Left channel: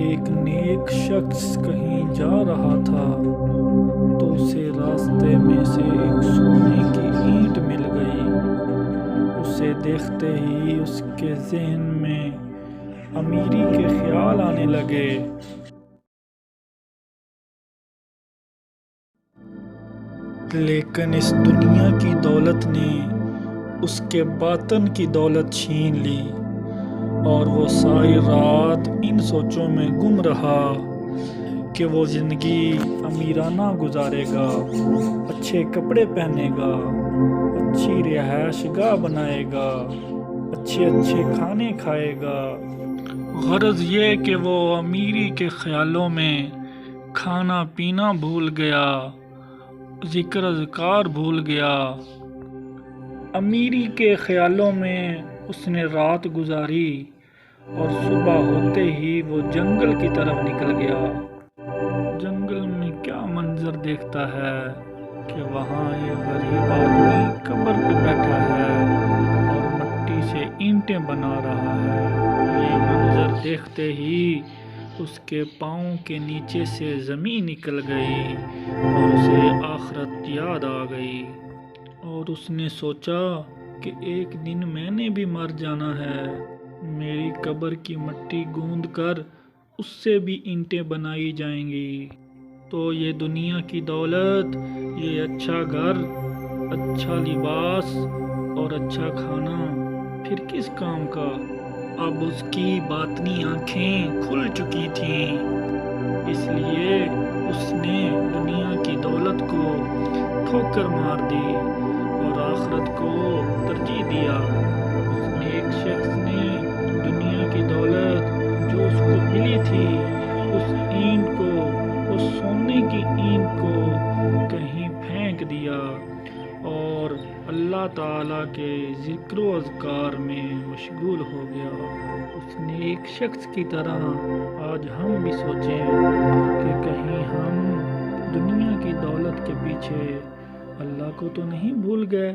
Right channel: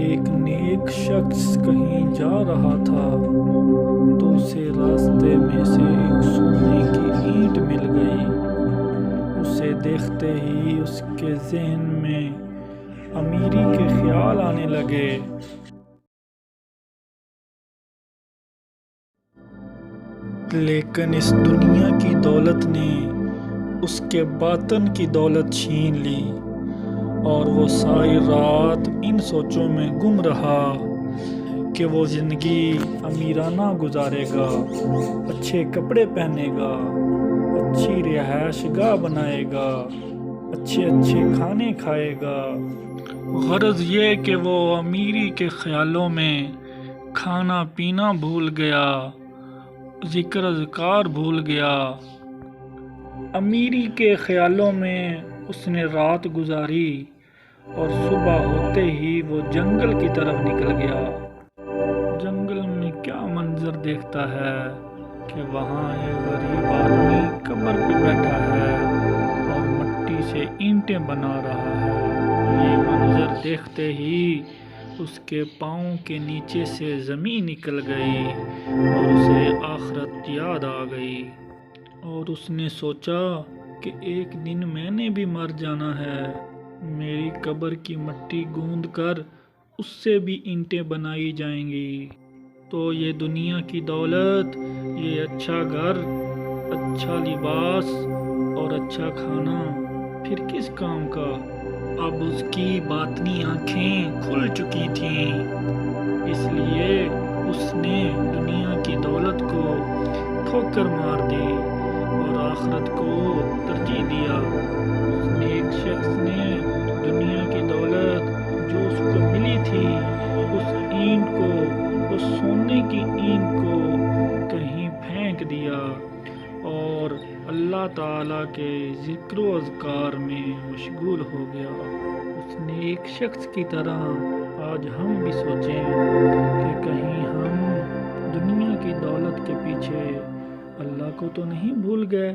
ایک نیک شخص کہیں جا رہا تھا تو اسے راستے میں سے ایک سونے کی اینٹ مل گئی۔ اسے دیکھتے ہی اس کے ذہن میں امیری کے خیال آنے لگے۔ لیکن اس دنیا کی دولت نے اس کے باطن کی دولت چھین لی اور وہ ساری رات ان سوچوں میں گم رہا کہ وہ زندگی امیرانہ گزارے گا، اچھے کپڑے پہنے گا، اچھی رہائش گاہ بنائے گا، اچھے کھانے کھائے گا۔ غرض یہ کہ وہ امیری کے خیالوں میں کھانا پینا بھول گیا، ذکر اذکار بھول گیا۔ امیری کے خیالوں میں اس نے رات گزاری اور صبح ہوتے ہی وہ جنگل کی طرف نکل گیا۔ جنگل میں کیا منظر دیکھتا ہے کہ وہاں ایک غریب آدمی قبر پہ بیٹھا ہے اور مٹی سے اینٹیں بنا رہا ہے۔ یہ منظر دیکھتے ہی اس کے پاؤں کے نیچے سے زمین نکل گئی اور اسے آخرت یاد آ گئی، اور اس نے سوچا کہ ایک دن میں نے بھی مر جانا ہے۔ میری قبر کی مٹی گوندھ کر اس سے بھی اینٹیں بنائی جائیں گی، تو یہ دنیا کی دولت، یہ اچھا گھر، اچھا لباس اور اچھا کھانا پھر کس کام کا؟ اب اس کی باطنی آنکھیں کھل چکی تھیں، اس لیے اس نے دنیا کی دولت کو ٹھوکر مار دی اور آخرت کو ترجیح دیا۔ اس نیک شخص نے دنیا کی دولت جو اس کو ملی تھی، اس اینٹ کو، اس سونے کی اینٹ کو کہیں پھینک دیا اور اللہ تعالیٰ کے ذکر و اذکار میں مشغول ہو گیا۔ اس نیک شخص کی طرح آج ہم بھی سوچیں کہ کہیں ہم دنیا کی دولت کے پیچھے اللہ کو تو نہیں بھول گئے۔